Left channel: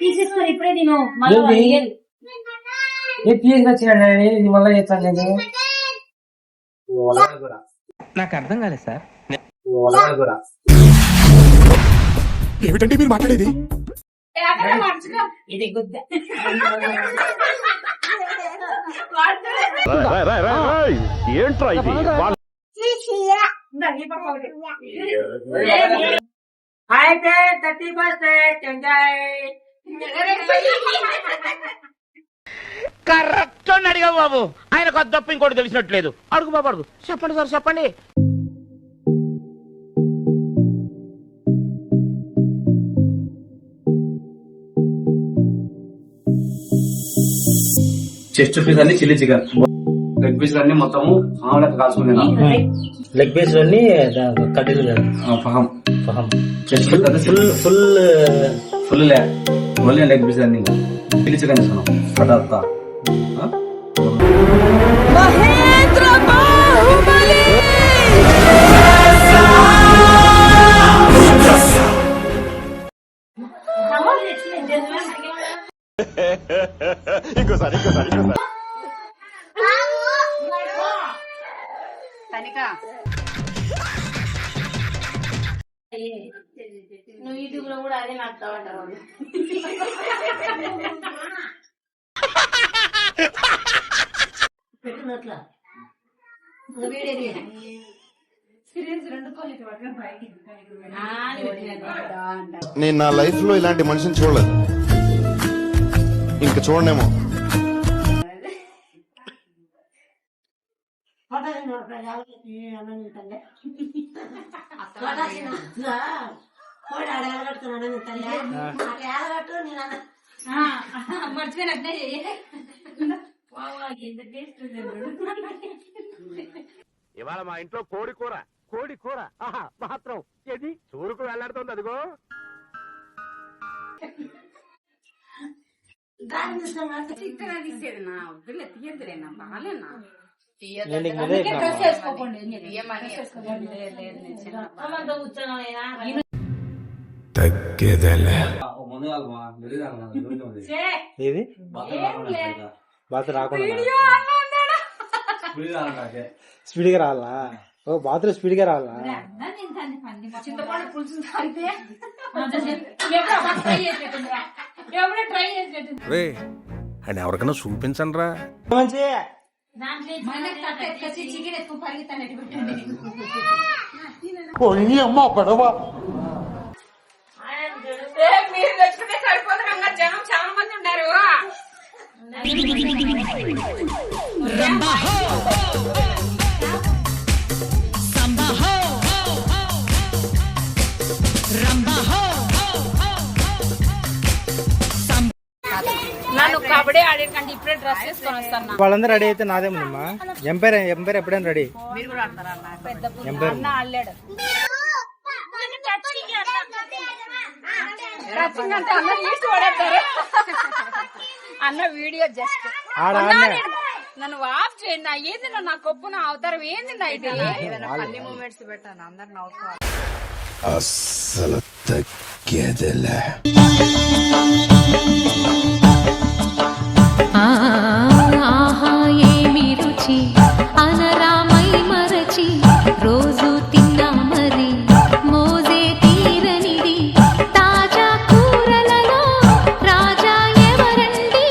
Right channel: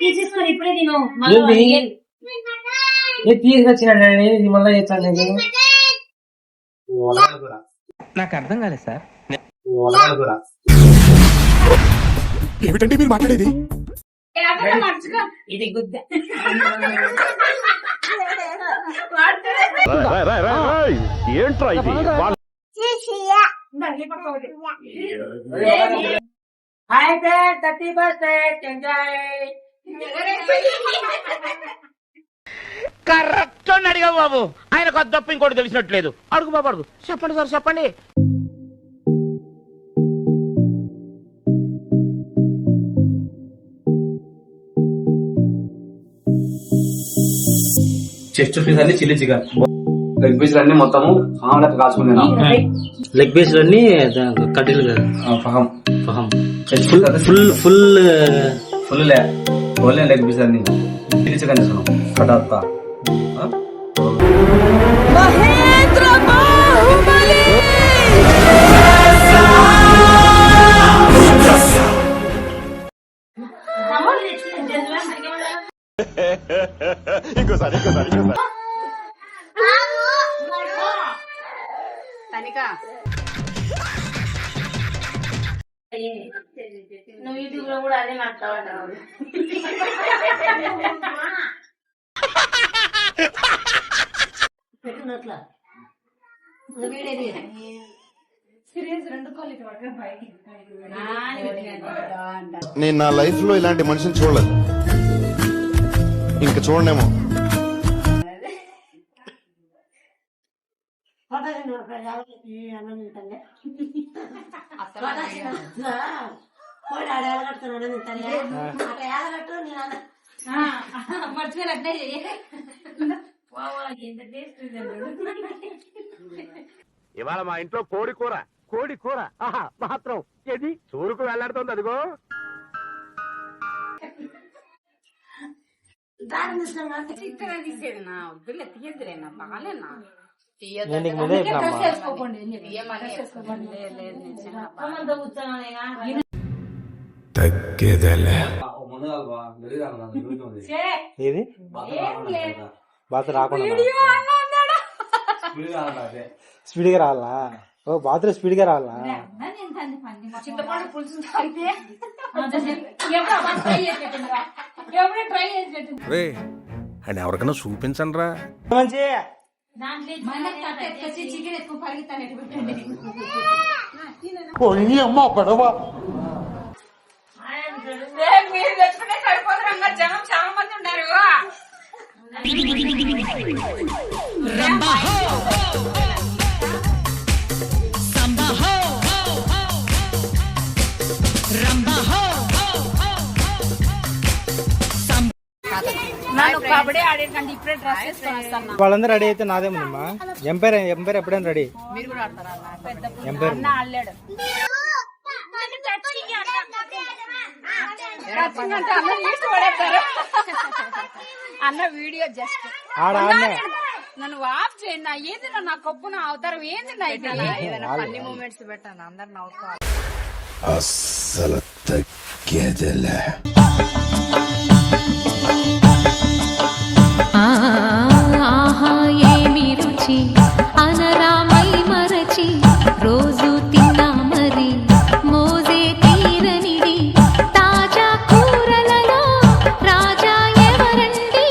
తీసేసుకొని ఇప్పుడే నేను మళ్ళీ చేస్తాను. నాకు అర్థం కాలేదు సార్. ఏమిటంటే మీరు మాట్లాడేది? ఇది గుద్ద ఏంట్రా ఇది? కరెక్ట్ అని అడిగావు బాబు. ఆయన కొత్త తప్ప ఇంకోటి తెలిసినట్లేదు. అడుగు బాబు అడుగు. చెప్పండి సార్ చెప్పండి. చెస్ట్ పీస్ అన్ని చిల్లీ చికెన్, లెగ్ పీస్ అన్ని మొత్తము ఆమ్లెట్ కాల్చుకున్నాను. లెగ్ పీస్ అన్ని కడ్డీలు కదా. Chest full full full only leg piece అన్ని చిల్లీ చికెన్ తీసుకున్నాం. పటాతా ఇంకోసారి నువ్వు యూట్యూబ్ లో కూడా అదే మాట్లాడతావు. పెట్టినట్లా నేను నా లైఫ్ లో ఇలాంటి మనిషిని చూడలేదు, ఇంకా చూడనేమో. ఇవాళ మా ఇంట్లో కోడి కూర మాత్రం ఏది చూరుకు వెళ్లాడుతుంది. అదిగో తగ్గేదలే ఏది బాత్ రాకుండా స్పీడ్ గా రావాలా? ఓ బాత్రూమ్ స్పీడ్ గా రావాలా? అని ఎవరికైనా చూపించండి రా. మంచి అమ్మ పడవ జనం చాలా మంది ఉన్నారు. వాళ్ళందరూ రెడీ అయితే నాదేముందమ్మా. ఎంపైర్ ఎప్పుడైనా రెడీ. ఎంపైర్ అన్న వీడియో జస్ట్ ఆడ నన్ను వాప్ చేయండి. ఏంది నా కొప్పు నా అవతారం ఏంది అన్ని మూమెంట్స్ పెట్టాను. అందరు నవ్వుకోవాలి. అస్సలు తగ్గేదలే. ఆహా ఏమి రుచి అనరామై మరచి రోజు తిన్నా మరి మోజే తీరనిది తాజా కూరలలో రాజా ఎవరండి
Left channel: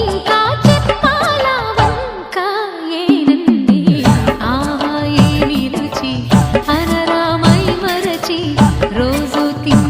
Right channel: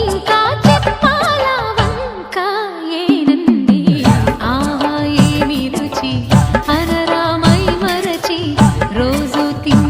ఇంకా చెప్పాలా వంక ఏనంది. ఆహా ఏమి రుచి అనరామై మరచి రోజు తిన్నా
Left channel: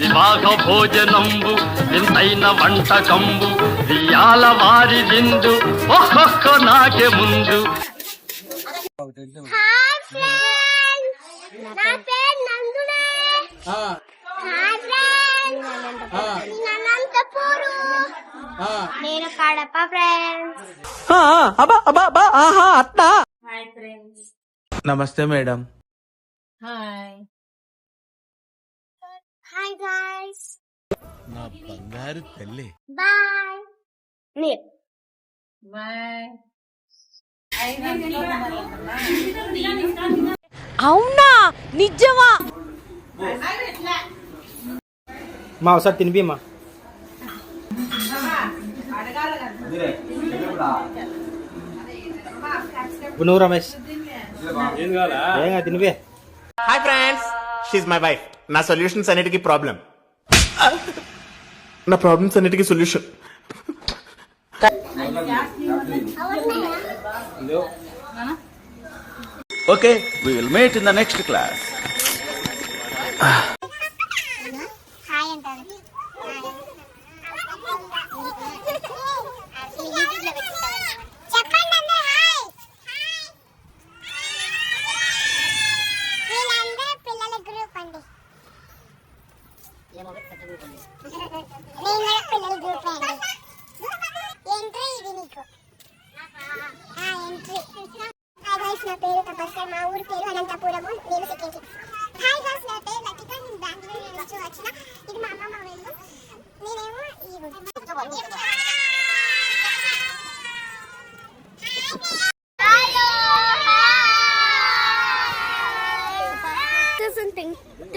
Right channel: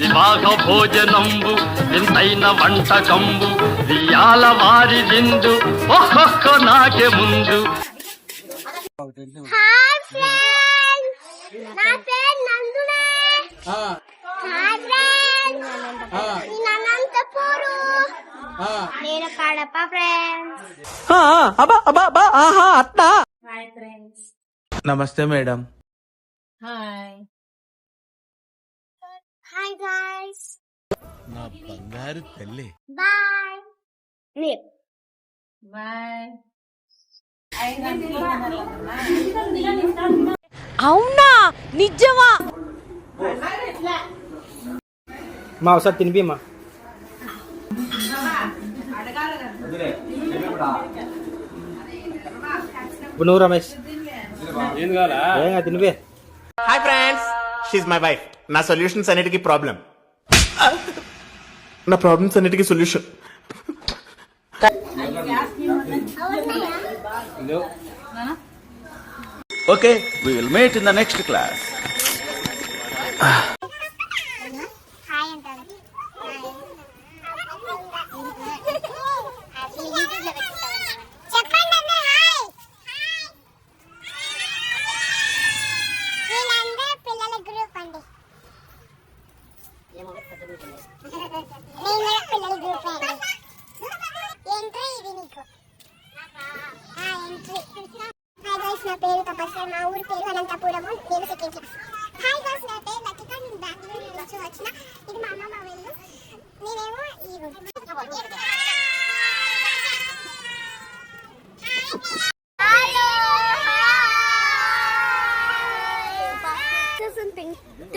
వివాహ భోజనంబు వింతైన వంటకంబు వియాల వారి విందు ఒక్కొక్క నాకే ముందు. నా పేరు నందునే. అనంతపురు. నేను కడప ఫ్రెండ్స్. Hi friends. నమస్తే మేడం. హాయ్. Hi guys. నా బంగారు తల్లి. బాయ్. బాయ్. అవునా నిజమా? మా ఒకసారి తినిపిమ్మా. ఇప్పుడు నువ్వు రమేష్ ఏంగా తినిపి. Hi friends, she's my wife. నా సొల్యూషన్స్ అన్నిటికీ ప్రాబ్లం, నా ప్రాబ్లమ్స్ అన్నిటికీ solution. Okay, we will meet in the next class. Hi అంటాను. చెప్పండి అందరూ హాయ్. వీళ్ళందరూ పిల్లల గ్రూప్ అండి. నేను కూడా పిల్లల గ్రూప్ అండి. ఎంట్రీ ఇది నీకు. ఎంట్రీ. హాయ్ గైస్, నా పేరు తపస్య. మా ఊరి పేరు అనంతపురము. నేను సెకండ్ క్లాస్. హాయ్ గైస్, నా పేరు లతిక. నేను బెంగళూరు నుంచి వచ్చిన. ఇది మా అమ్మమ్మ వీళ్ళు. నేనేమో ఈ hello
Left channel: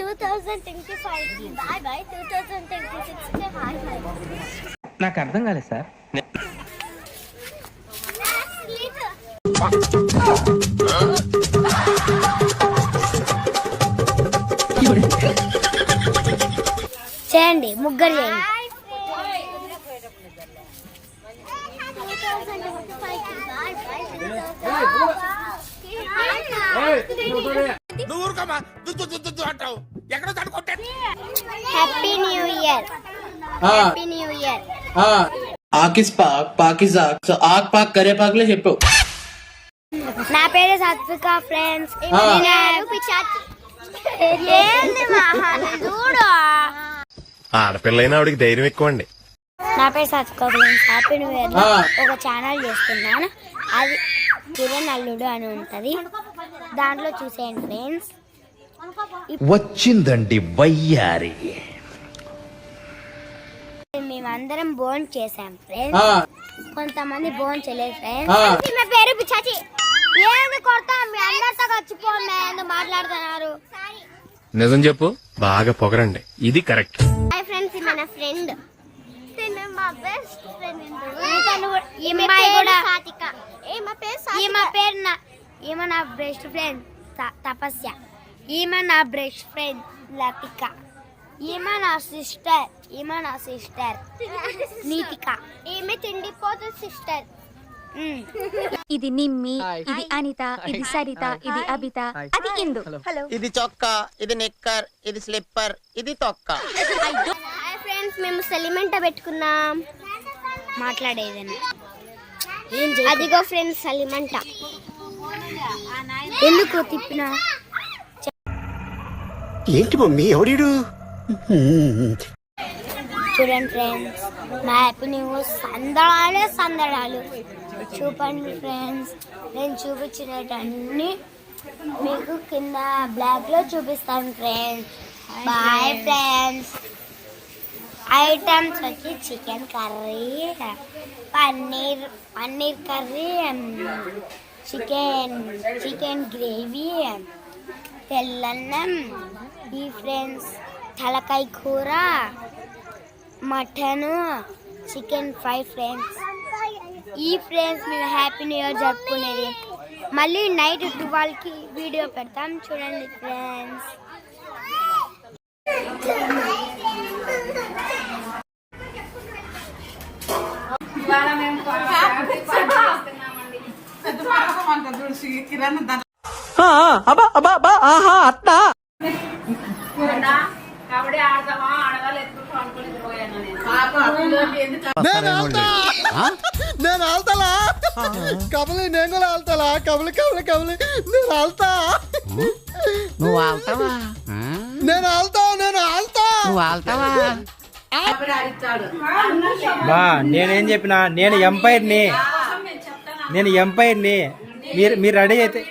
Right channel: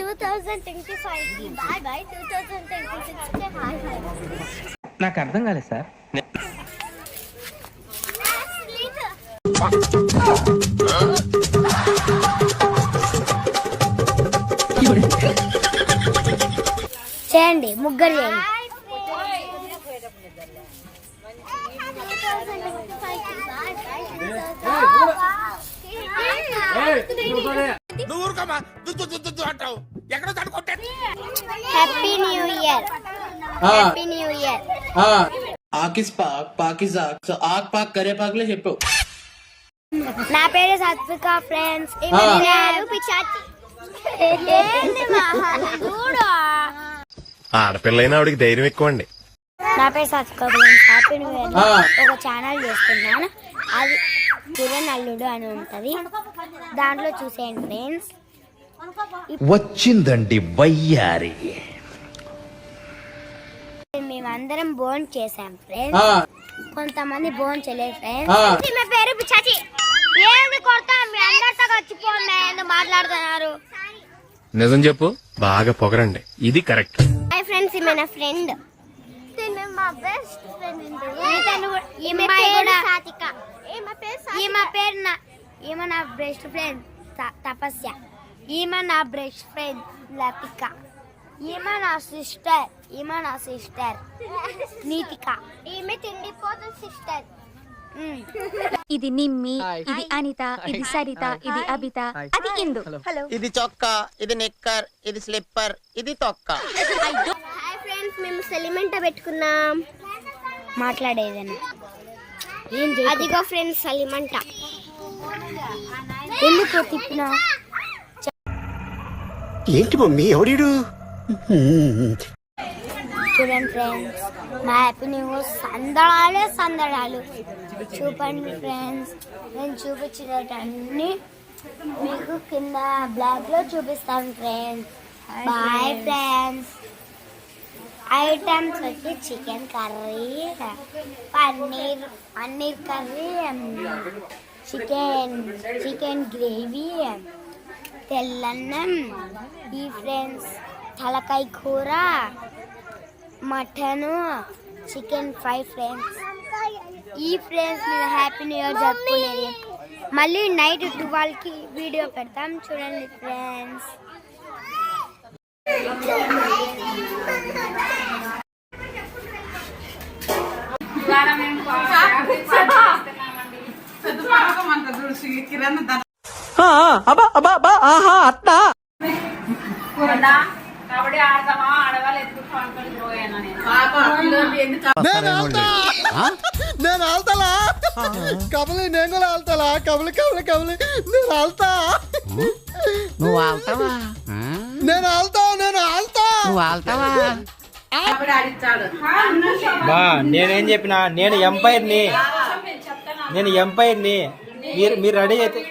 2025 bye bye. 2026 hi hi. నాకు అర్థం కాలేదు సార్. చేయండి, ముగ్గురు చేయండి. నువ్వు ఊరుకోమా, అంటావు ఎక్కడో తడుకుంటే. Happy new year. Happy new year. ఆకిస్ పాక్ పాకిజాక్ సో ఆక్ పాక్ కరే పాక్లే చెప్పు. నా పేరు సత్విక ఫ్రెండ్స్. ఆడపిల్లైనా ఆవిడికి ధైర్యం ఎక్కువ అండి. నా పేరు Satvika friends. Happy new year. ఒక ఛానల్ చేస్తున్నాను, అది కిరణ్ అల్లుడు అని ఉంటది, దాంట్లో చూసేయండి ఫ్రెండ్స్. వచ్చిందండి వయ్యారి. మేమందరం బోన్ చేసాం ఫ్రెండ్స్, కొంతమంది బోన్ చేయలేదు ఫ్రెండ్స్. మా పేరు పిచ్చాచి. ఏంది కొడతా, మీ అందరితో వచ్చిపోండి, ఎందుకు మాట్లాడుతున్నారు? నిజం చెప్పు, బాగా పొగరండి, ఇది కరెక్ట్. హాయ్ ఫ్రెండ్స్, ఈమె నా ఫ్రెండ్. మా బెస్ట్ ఫ్రెండ్. ఈమె నా బెస్ట్ ఫ్రెండ్ తపస్య. ఈమె నా బెస్ట్ ఫ్రెండ్ లతిక. ఈమె నా సిస్టర్ నీతిక. ఈమె తిండిపోతు సిస్టర్. ఇది నిమ్మి, ఇది అనిత, ఇది సరిత, ఇది అబిత, అది ఇందు. హలో. ఇది చొక్కా, ఇది నిక్కర్, ఇది స్లిప్పర్, ఇది తొక్క. హాయ్ ఫ్రెండ్స్, మేము సెలిమెంట పెట్టుకున్నాం. మాట్లాడేదని అదిగో ఫ్రెండ్స్ సెలిమెంట. ఎందుకు తిప్పినా? ఏంటి మమ్మీ ఎవడు? చూడండి ఫ్రెండ్స్, మా హ్యాపీ న్యూస్ సందడాలు చూపండి ఫ్రెండ్స్. నేను చూపించినవన్నీ మీకు కింద బ్లాక్ లో చూపిస్తాను ఫ్రెండ్స్. Bye friends. ఐటమ్స్ వచ్చి chicken curry, paneer curry, chicken gravy, తెల్లన్నం, ఈ ఫ్రెండ్స్ తలకాయ కూర, మటను, చికెన్ ఫ్రై ఫ్రెండ్స్. ఈ ఫ్రెండ్స్ మేము హ్యాపీ న్యూ ఇయర్ జరుపుకునేది. మళ్ళీ నైట్ 12కి వీడియో పెడతాం, చూడండి ఫ్రెండ్స్. కబడ్డీ ఆడతామా, ఆడవాళ్ళు ఎత్తుకు పనుకొని పోయాను నేను. నేను ఆల్తాలా కబలి, నేను కూడా ఆల్తాలా కబలి కబలి కబలి. నేను ఆల్తా. నువ్వు ఆల్తావా? నేను ఆల్తా. నువ్వు ఆల్తావా? బా నేనేం చెప్పినా నేను ఎంపైర్ని మీరు రెడీ అయితే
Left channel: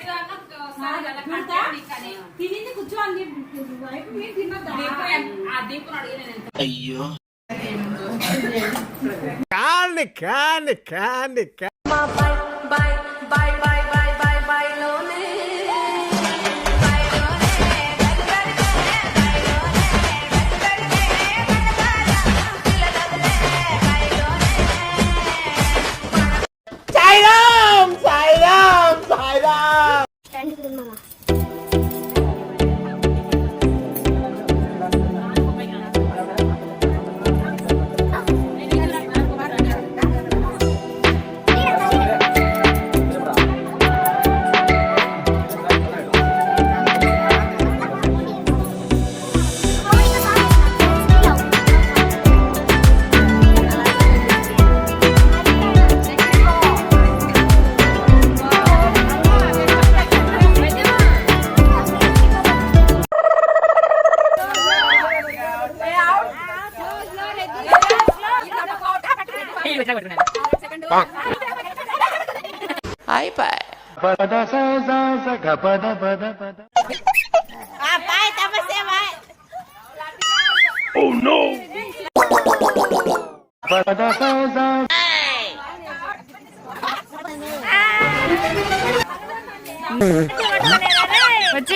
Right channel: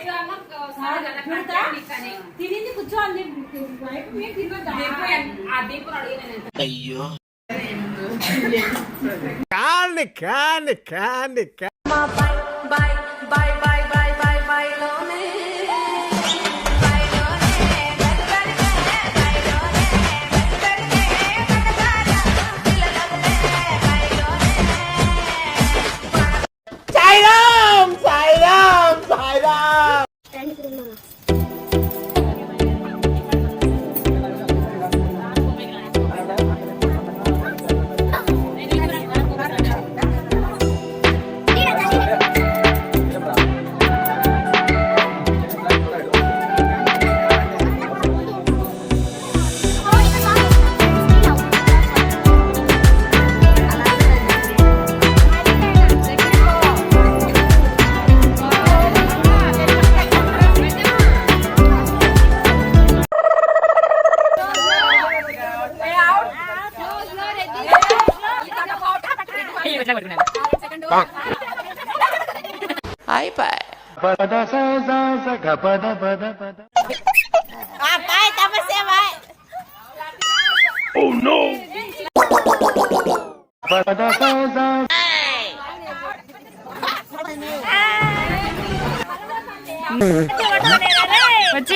వచ్చి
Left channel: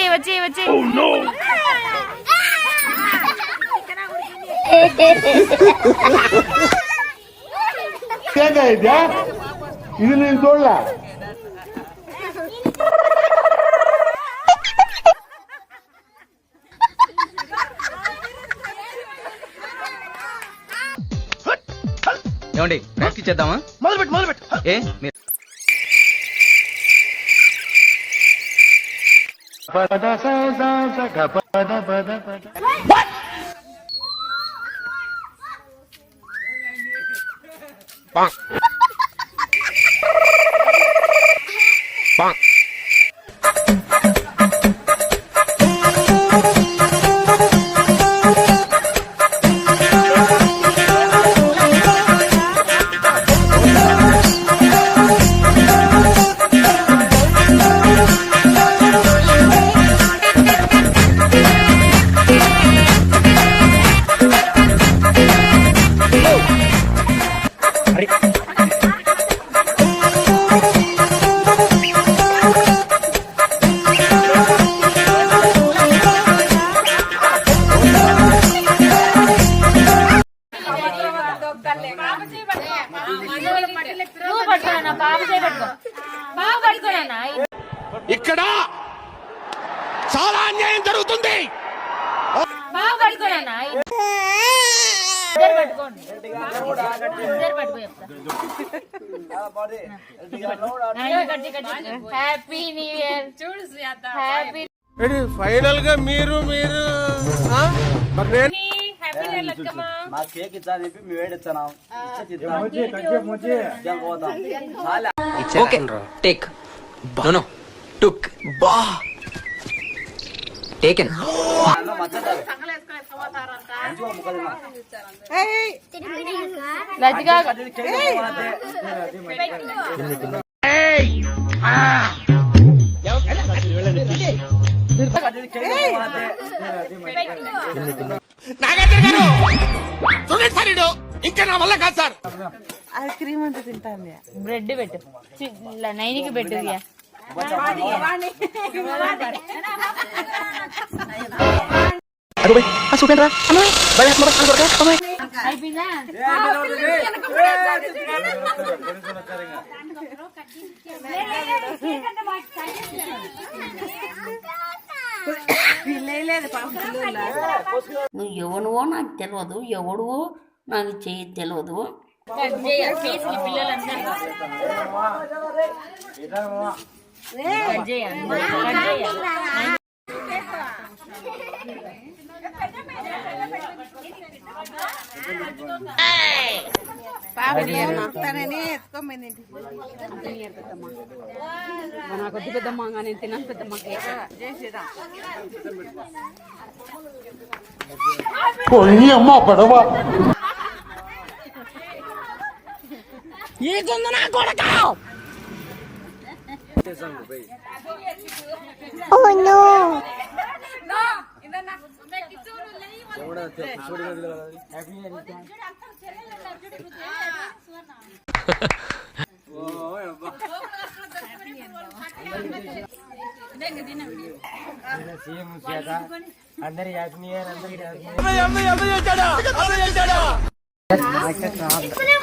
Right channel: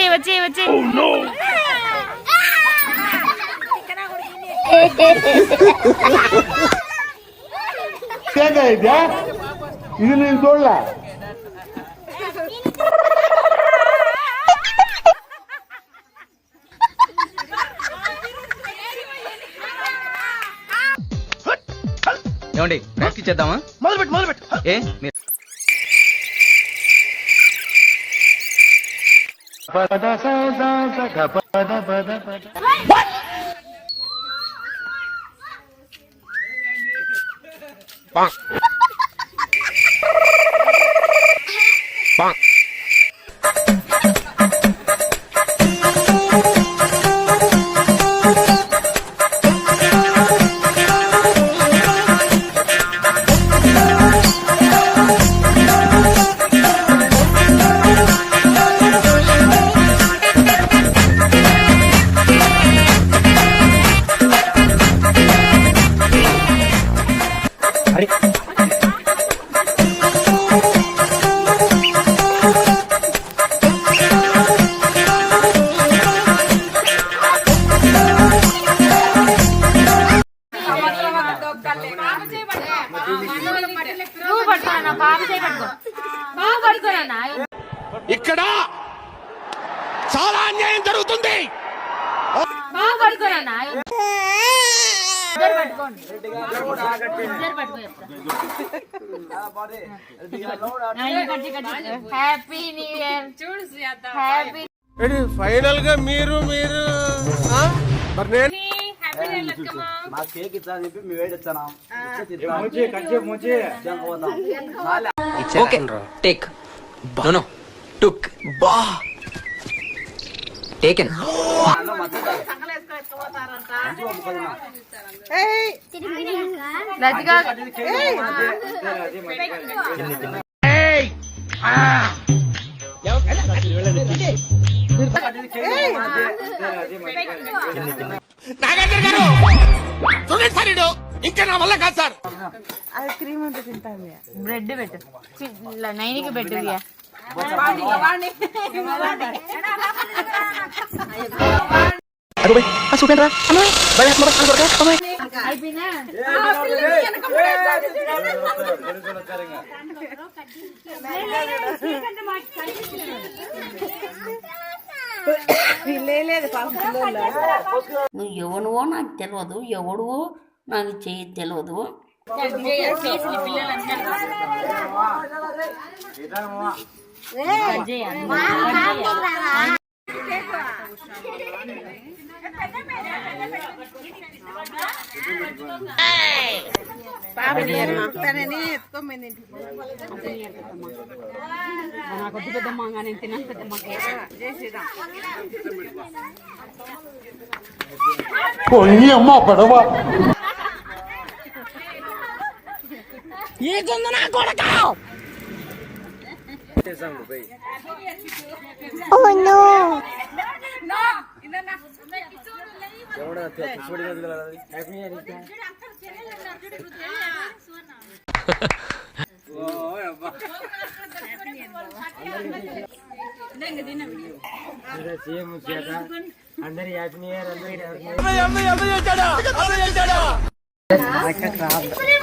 ఇది నేను చూడలే. ఏమండి ప్రాక్టీస్ చేద్దామా? మొదలుపెట్టు ఏ మీరు ఇక్కడ చాలా అన్యాయం జరుగుతుంది. Happy new year. చూడు హ్యాపీ ఫైనల్ గా మీరు మరి నేను మా కేక్ ఇట్లా చెప్పి మీ వేడిచ్చాను. ఓకే టేక్ నో టుక్ బా టేకెన్ నాగార్జున గారు చూడండి సార్, ఇంకా నా వల్ల కాదు సార్. బ్రెడ్ పెట్టు, నైనికి పెట్టు. అయిపోయినా నువ్వు ఎవనువో నాకు తెలియదు, ఎవడువో నాకు చేయి తెలియదు. నాకు వద్దు పెద్దమ్మ, నేను తిన్నాను పెద్దమ్మ.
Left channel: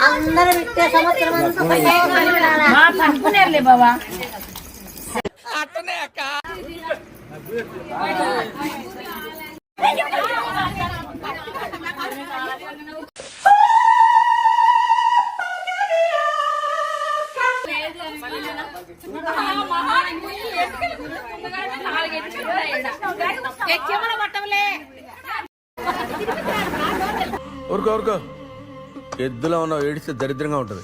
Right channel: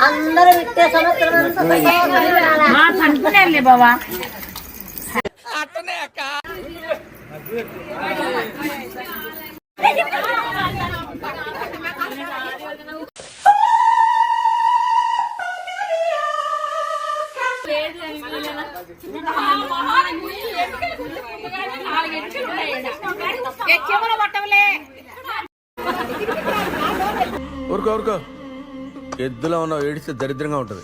అందరూ విట్టే సంవత్సరం అనుకునే బాబా. ఊరుకో ఊరుకో, ఎద్దులో ఉన్నావు, ఏడిస్తే దరిద్రంగా ఉంటది.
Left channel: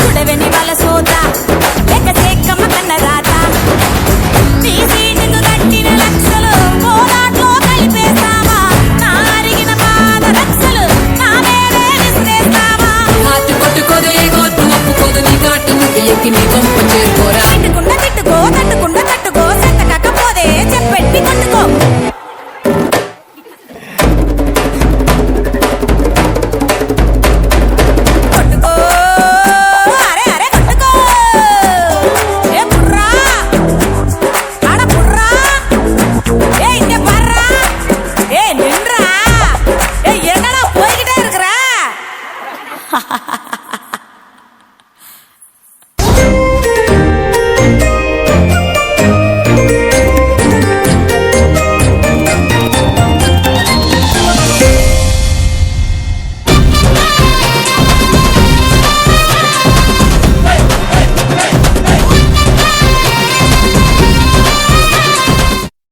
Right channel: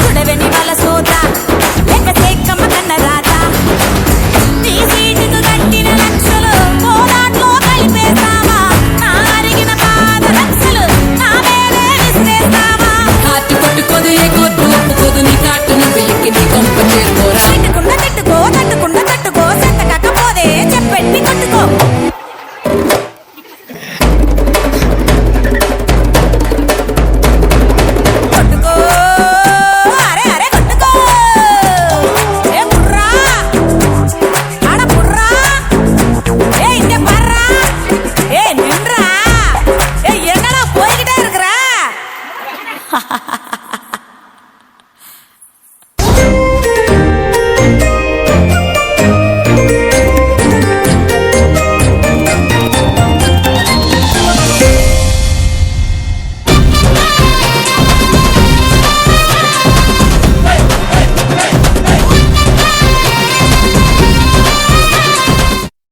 చూడవెని వాళ్ళ సోదా లేక సేకమ్మ కన్న రాత నీ సీటుకు కట్టిన